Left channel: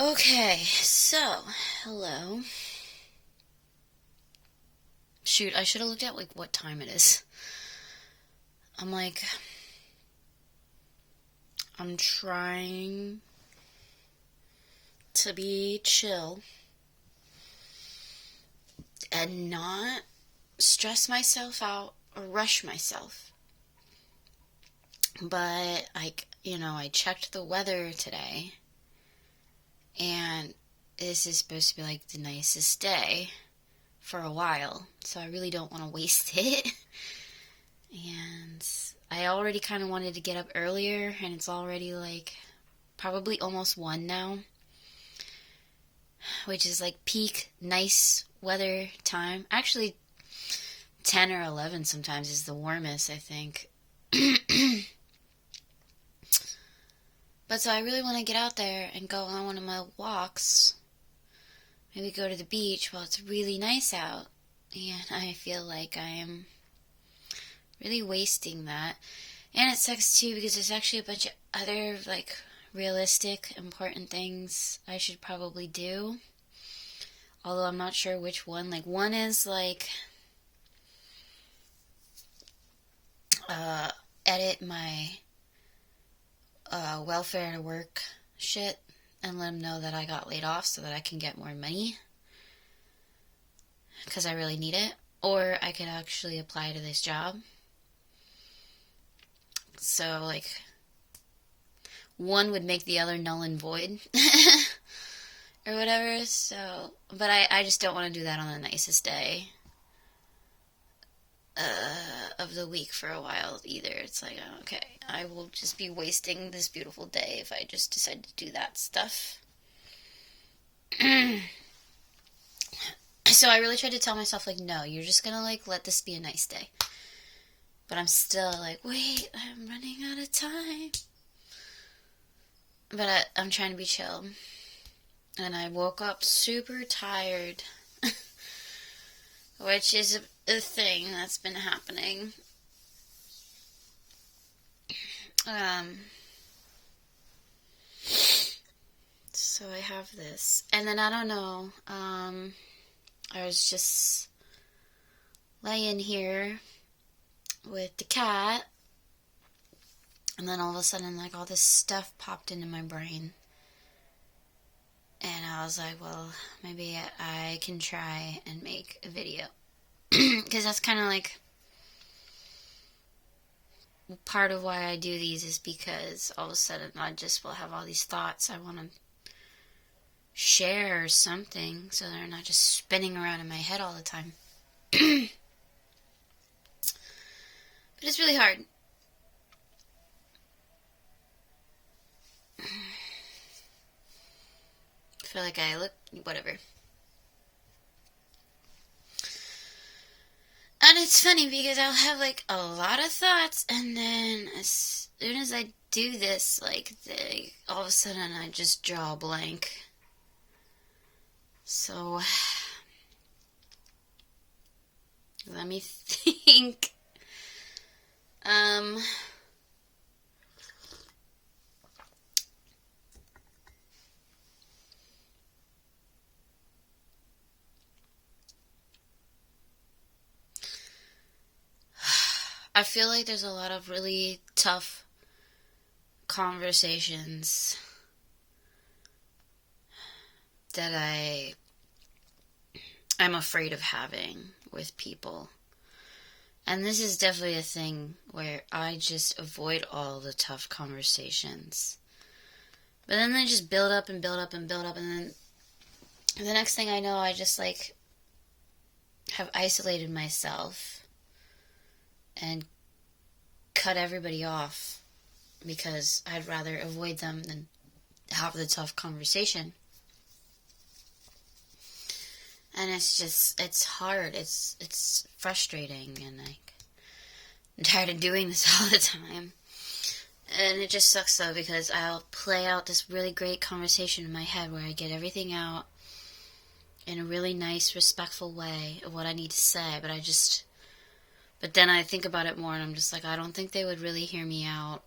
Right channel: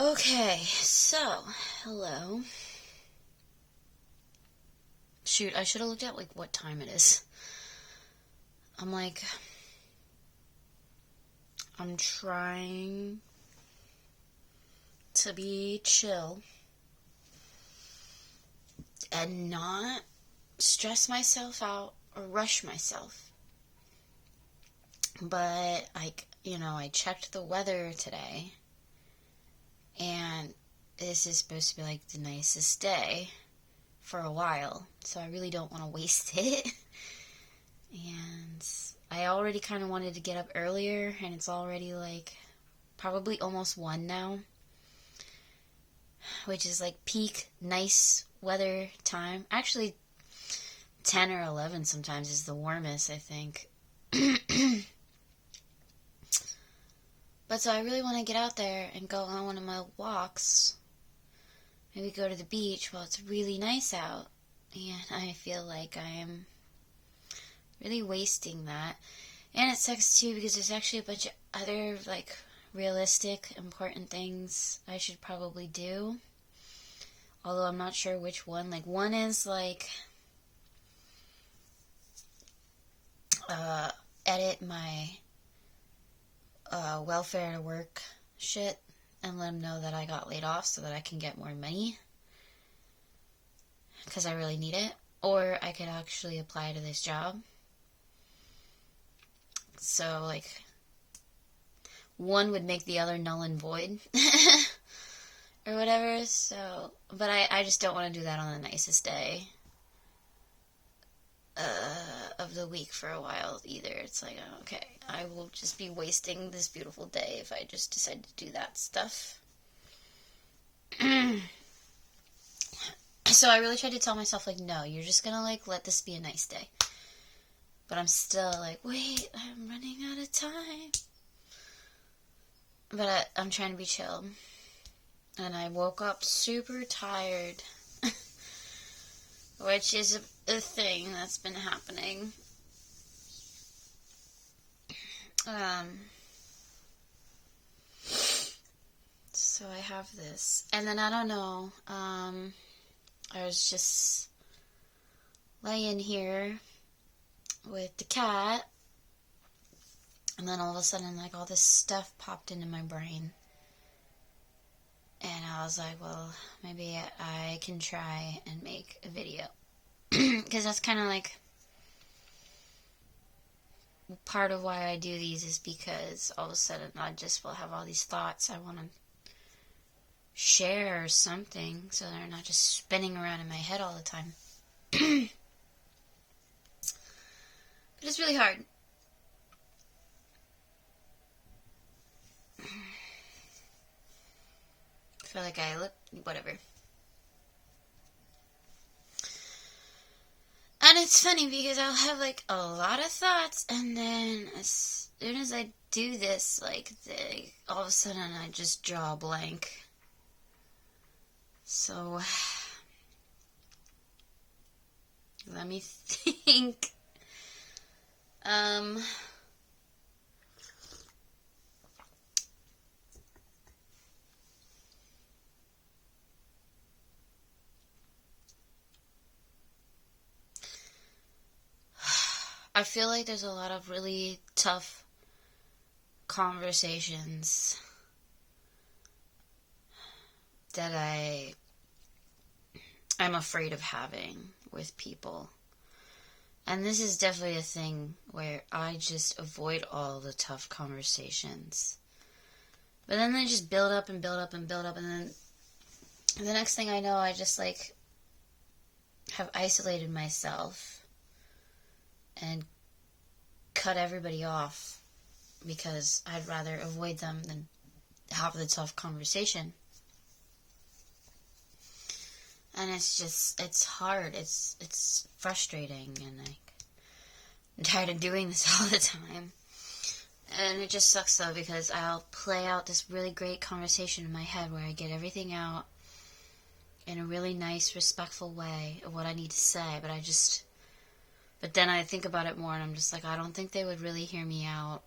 Okay, so, hello. Shoot, I should have looked at, like, what time it is. I'm like, I'm trying to be chill and not stress myself out or rush myself. But, I checked the weather today, and this is supposed to be, like, the nicest day for a while, so I really don't want to waste it. And I already kind of wanted to get up earlier, and it's already like probably almost 1 now, which is like peak nice weather time. Actually, 10 or 11 sometimes is the warmest, I think. But so I really want to get out there and go on one of my walks. Maybe go to the beach while it's really nice out. And I feel like I am really wasting that. And it sucks too because there's actually a bunch of other, like, realistic, important things I should probably do. Although I'm not sure which one. Like, one is, like, edit my welfare to work shit and let them know that I got laid off so that I can get more money. Because I really need it. Or I could actually apply to this job. So, like, one would make the other null and void. Or whatever, so... But I just don't want to do that on the nicest day of the week for a while either. It's like, okay, I will just be wasting this beautiful day if I just decide to do that stuff. So I really tried to tell myself, like, no, you're just gonna, like, let this be a nice day. But I'm still like, wait, I'm running out of time. But I'm trying to be chill. And I woke up super tired. Which is a thing that's been happening. So I have this. And then I don't know, I was just laying here with the cat, and then all of a sudden, like, all this stuff popped into my brain. And I was like, well, maybe I can try and make a video. Because that's kind of like part of why I do these, is because all of a sudden I just will have all these thoughts I want to share or something, so they're not just spinning around in my head all the time. But it's really hard. I feel like I look... whatever. And it's funny because I'll have, like, a lot of thoughts, and then as soon as I do this, like, all of a sudden I just draw a blank. So, let me think. I feel like there's a lot of really tough conversations that I'm afraid of having with people. And this is definitely a thing where I just avoid all the tough conversations. But then they just build up and build up and build up, and then the next thing I know, I just, like, have isolated myself and cut everybody off because I'd rather avoid them than have the tough conversation. And it's hard. It's frustrating, and, like, I'm tired of doing this all the time. And it just sucks, though, because I'll play out this really great conversation in my head where I get everything out in a really nice, respectful way of what I need to say, but then I think about it more, and I'm just like, I don't think they would really hear me out.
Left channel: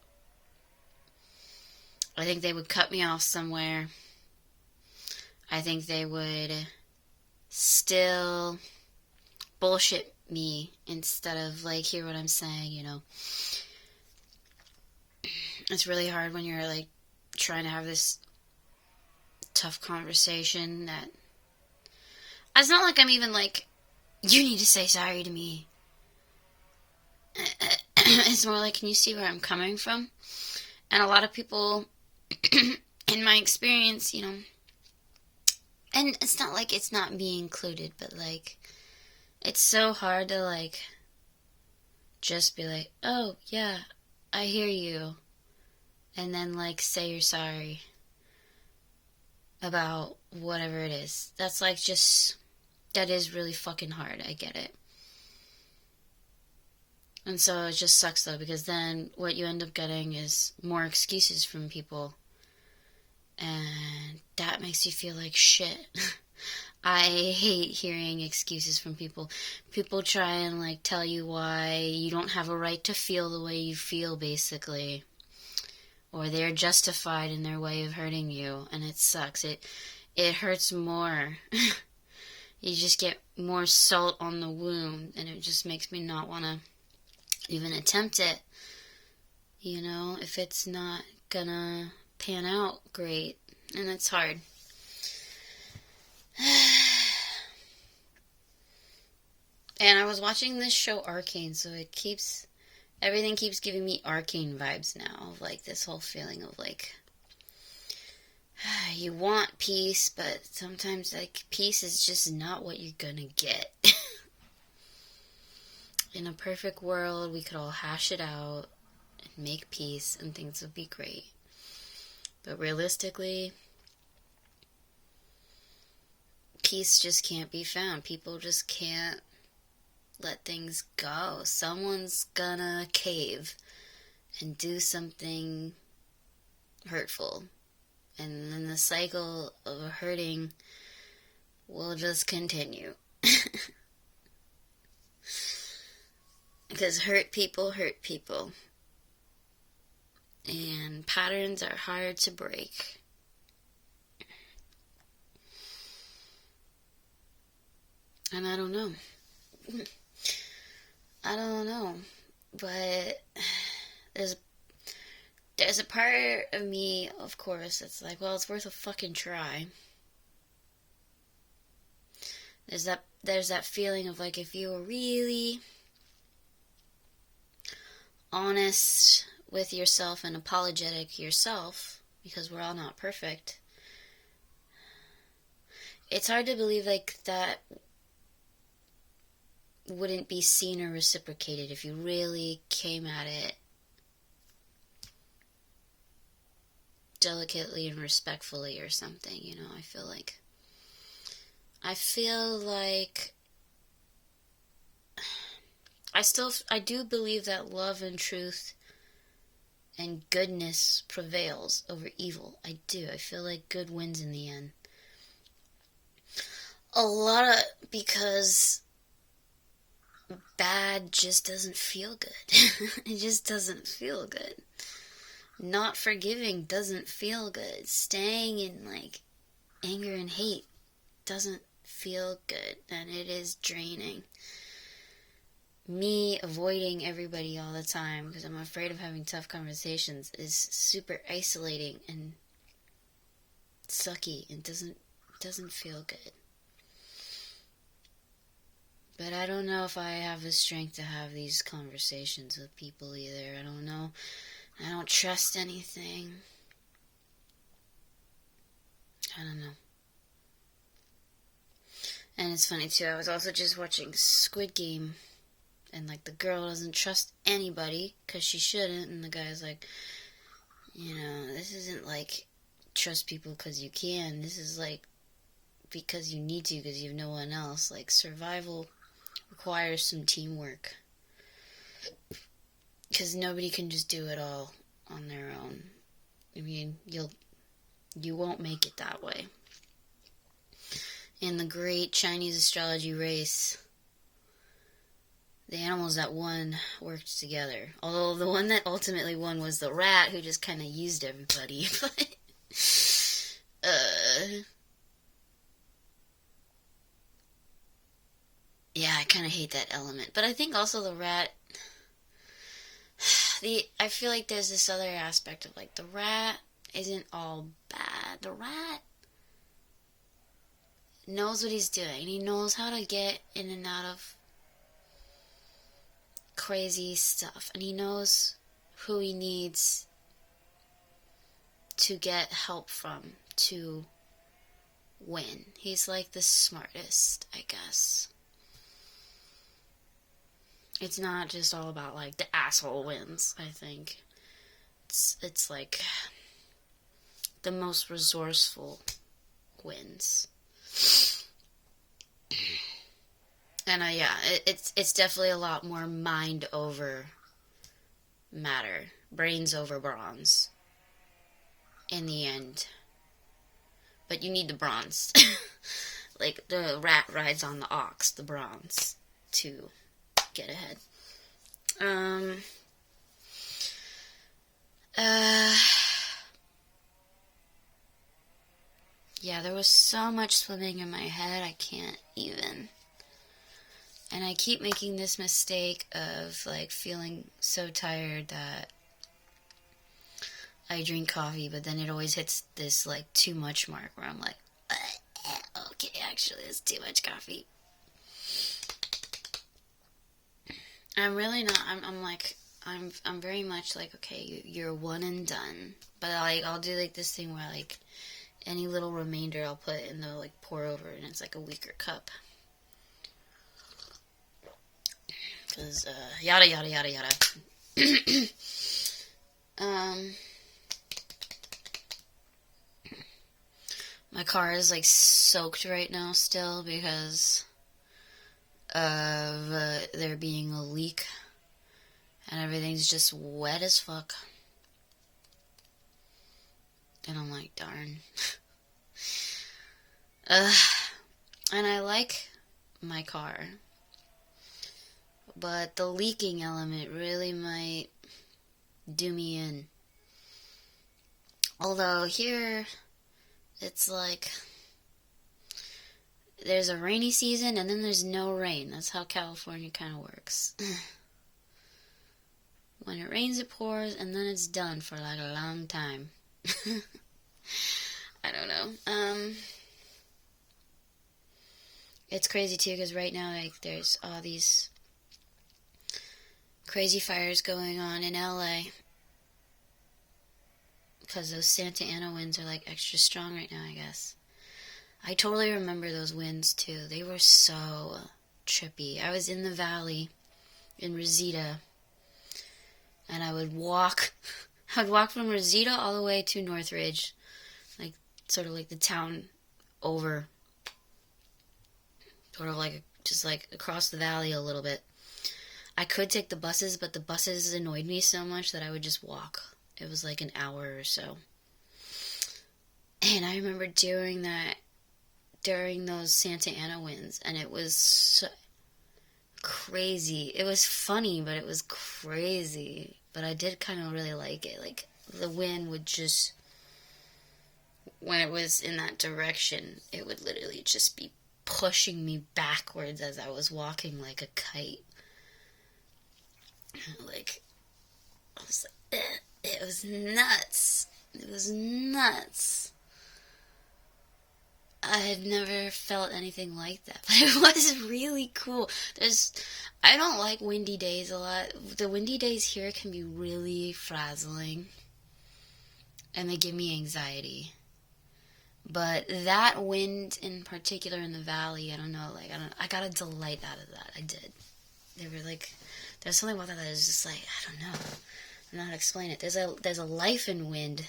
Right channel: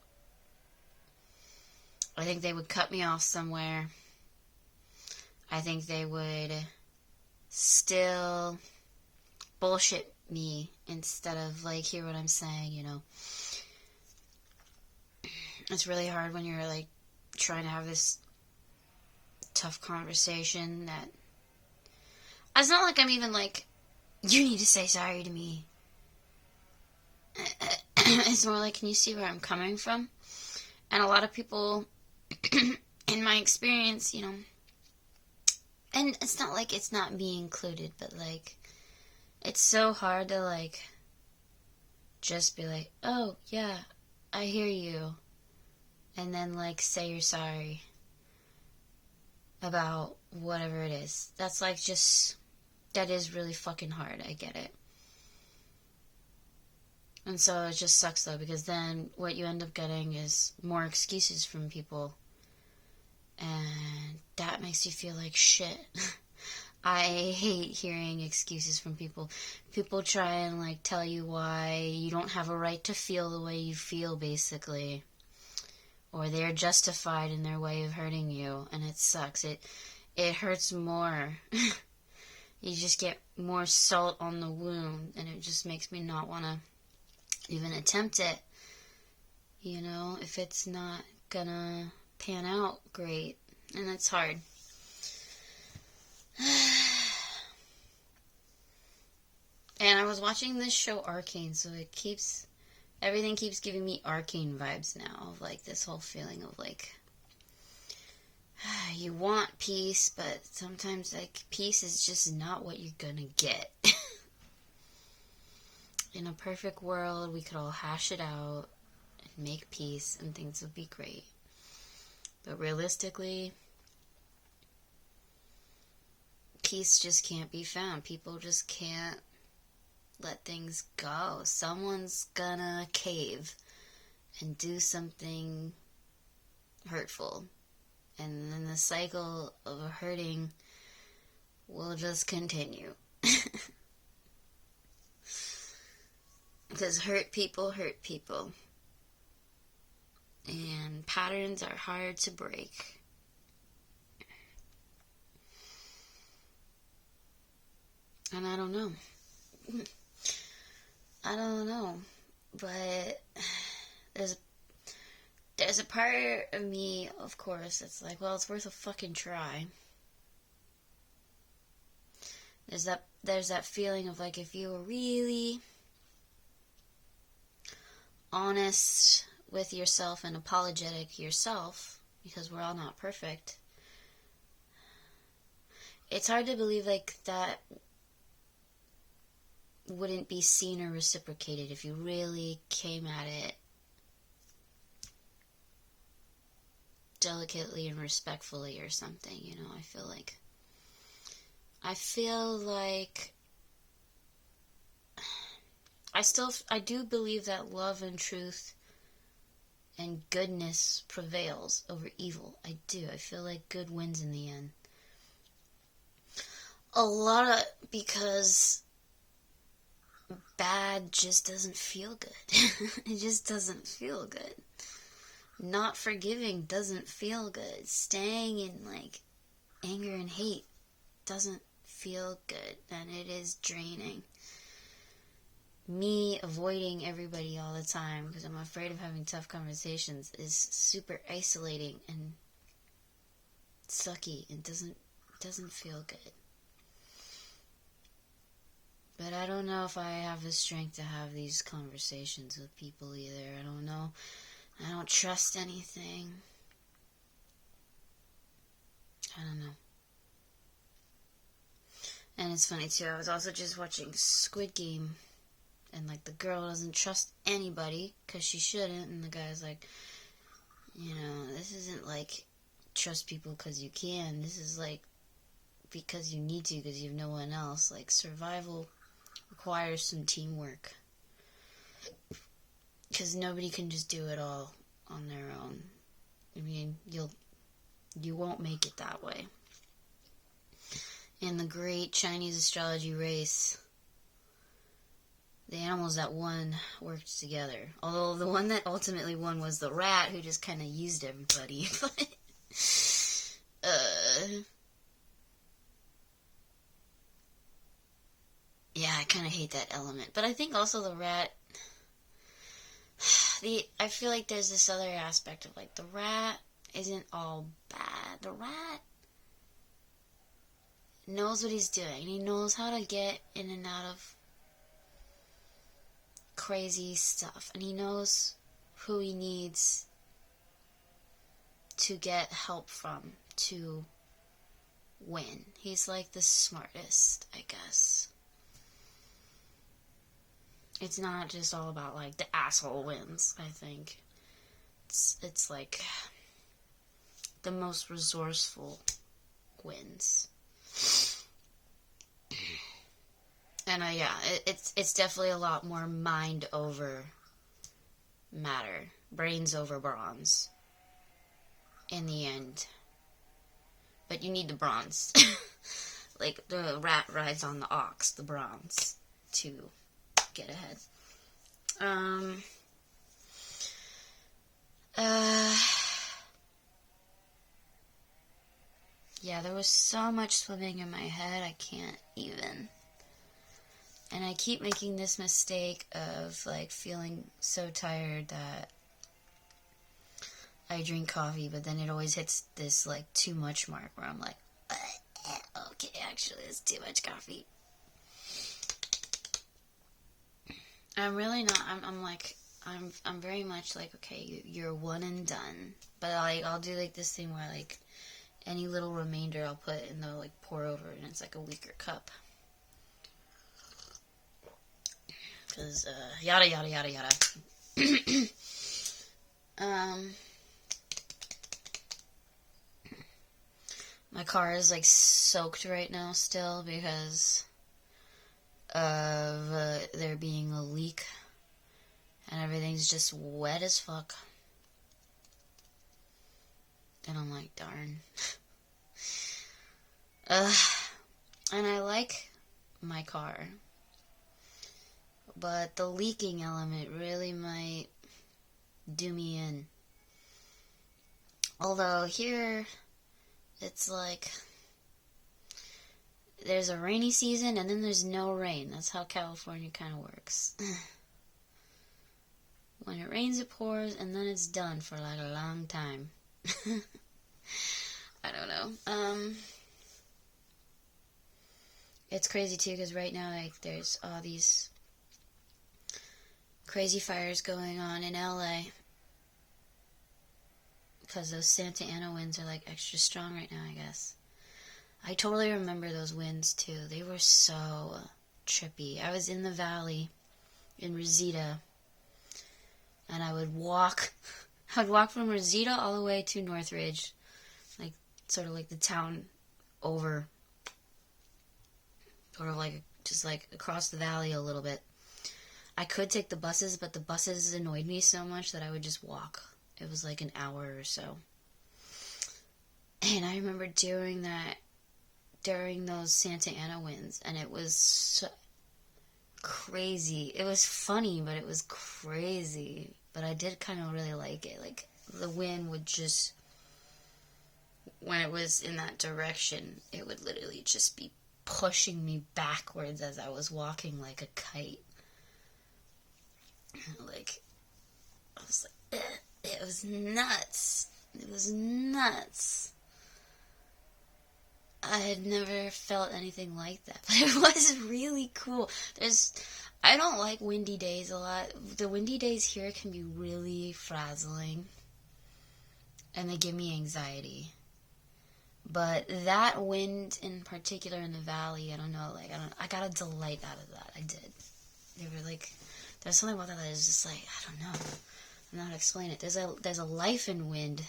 I think they would cut me off somewhere. I think they would still bullshit me instead of, like, hear what I'm saying, you know. It's really hard when you're, like, trying to have this tough conversation that... It's not like I'm even like, you need to say sorry to me. It's more like, can you see where I'm coming from? And a lot of people, in my experience, you know, and it's not like it's not me included, but, like, it's so hard to, like, just be like, oh, yeah, I hear you. And then, like, say you're sorry about whatever it is. That's, like, just, that is really fucking hard. I get it. And so it just sucks, though, because then what you end up getting is more excuses from people. And that makes you feel like shit. I hate hearing excuses from people. People try and, like, tell you why you don't have a right to feel the way you feel, basically. Or they're justified in their way of hurting you, and it sucks. It hurts more. You just get more salt on the wound, and it just makes me not want to even attempt it. You know, if it's not gonna pan out great, and it's hard. And I was watching this show Arcane, so everything keeps giving me Arcane vibes now, of, like, this whole feeling of, like, you want peace, but sometimes, like, peace is just not what you're gonna get. In a perfect world, we could all hash it out and make peace, and things would be great. But realistically, peace just can't be found. People just can't let things go. Someone's gonna cave and do something hurtful. And then the cycle of hurting will just continue. Because hurt people. And patterns are hard to break. And I don't know. But there's a part of me, of course, that's like, well, it's worth a fucking try. There's that feeling of, like, if you were really honest with yourself and apologetic yourself, because we're all not perfect, it's hard to believe, like, that wouldn't be seen or reciprocated if you really came at it delicately and respectfully or something, you know. I feel like I do believe that love and truth and goodness prevails over evil. I do. I feel like good wins in the end. Because bad just doesn't feel good. It just doesn't feel good. Not forgiving doesn't feel good. Staying in, like, anger and hate doesn't feel good, and it is draining. Me avoiding everybody all the time because I'm afraid of having tough conversations is super isolating and sucky and doesn't feel good. But I don't know if I have the strength to have these conversations with people either. I don't know. I don't trust anything. I don't know. And it's funny too, I was also just watching Squid Game, and, like, the girl doesn't trust anybody because she shouldn't, and the guy's like, you know, this isn't like trust people because you can. This is, like, because you need to because you have no one else. Like, survival requires some teamwork. Because nobody can just do it all on their own. I mean, you won't make it that way. In the great Chinese astrology race, the animals that won worked together. Although the one that ultimately won was the rat, who just kind of used everybody. But I kind of hate that element. But I think also the rat, I feel like there's this other aspect of, like, the rat isn't all bad. The rat knows what he's doing. He knows how to get in and out of crazy stuff. And he knows who he needs to get help from to win. He's like the smartest, I guess. It's not just all about, like, the asshole wins, I think. It's like the most resourceful wins. And yeah, it's definitely a lot more mind over matter, brains over bronze in the end. But you need the bronze. Like, the rat rides on the ox, the bronze, to get ahead. Yeah, there was so much swimming in my head, I can't even. And I keep making this mistake of, like, feeling so tired that I drink coffee, but then it always hits this, like, too much mark where I'm like, okay, actually, it's too much coffee. I'm really not, I'm very much like, okay, you're one and done. But, like, I'll do, like, this thing where, like, any little remainder I'll put in the, like, pour over, and it's, like, a weaker cup. Because, yada, yada, yada, yada. My car is, like, soaked right now still because of there being a leak. And everything's just wet as fuck. And I'm like, darn. And I like my car. But the leaking element really might do me in. Although here, it's like, there's a rainy season and then there's no rain. That's how California kind of works. When it rains, it pours, and then it's done for, like, a long time. I don't know. It's crazy, too, because right now, like, there's all these crazy fires going on in LA. Because those Santa Ana winds are, like, extra strong right now, I guess. I totally remember those winds, too. They were so trippy. I was in the valley in Reseda, and I would walk from Reseda all the way to Northridge, like, sort of like the town over, sort of like, just like across the valley a little bit. I could take the buses, but the buses annoyed me so much that I would just walk. It was like an hour or so. And I remember doing that during those Santa Ana winds, and it was so crazy. It was funny, but it was crazy. But I did kind of really like it. Like, the wind would just, when it was in that direction, it would literally just be pushing me backwards as I was walking like a kite. Like, I was like, it was nuts. It was nuts. I had never felt anything like that, but it was really cool. I don't like windy days a lot. The windy days here can be really frazzling, and they give me anxiety. But that wind in particular in the valley, I don't know, like, I got a delight out of that. I did. They were like, there's something about that was just like, I don't know. I don't know how to explain it. There's a life in wind.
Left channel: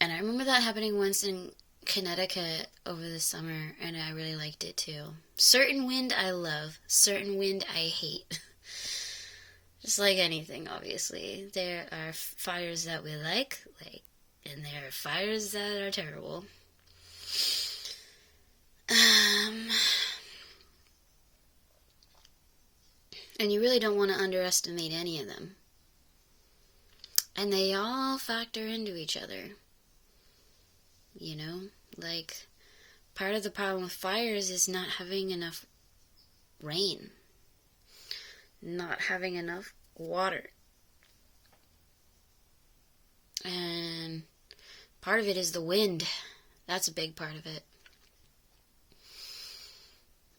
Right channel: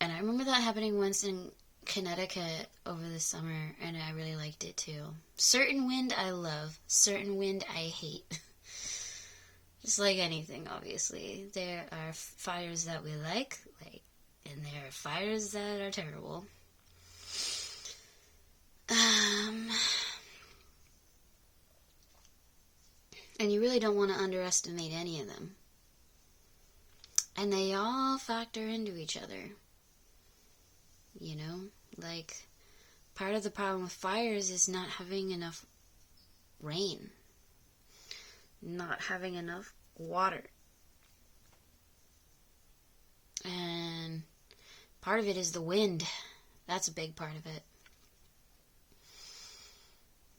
And I remember that happening once in Connecticut over the summer, and I really liked it too. Certain wind I love, certain wind I hate. Just like anything, obviously. There are fires that we like, and there are fires that are terrible. And you really don't want to underestimate any of them. And they all factor into each other. You know? Like, part of the problem with fires is not having enough rain, not having enough water. And part of it is the wind. That's a big part of it.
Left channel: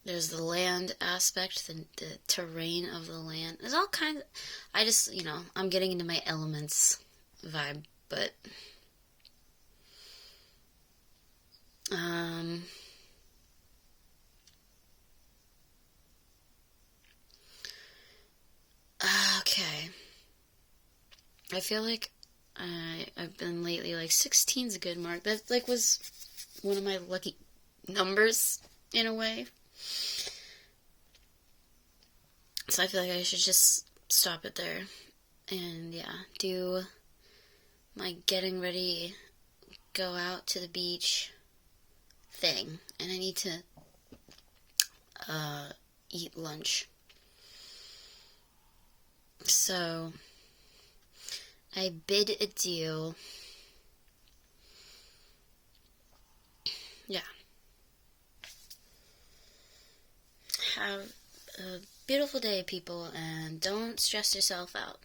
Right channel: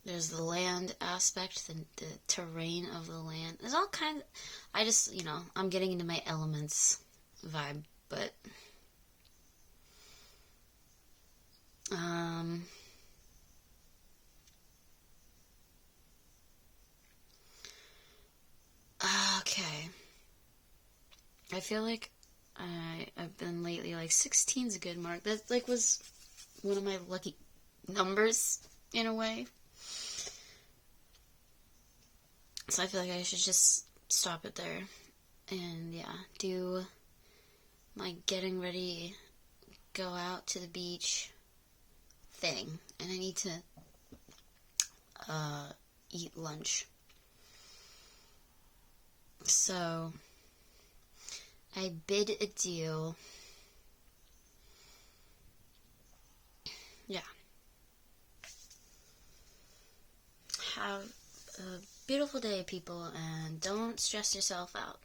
There's the land aspect, the terrain of the land. There's all kinds of, I just, I'm getting into my elements vibe, but okay. I feel like I've been lately, like, 16's a good mark. That, like, was one of my lucky numbers, in a way. So I feel like I should just stop it there. And, yeah, do my getting ready, go out to the beach thing. And I need to eat lunch. So I bid adieu. Yeah. Have a beautiful day, people, and don't stress yourself out.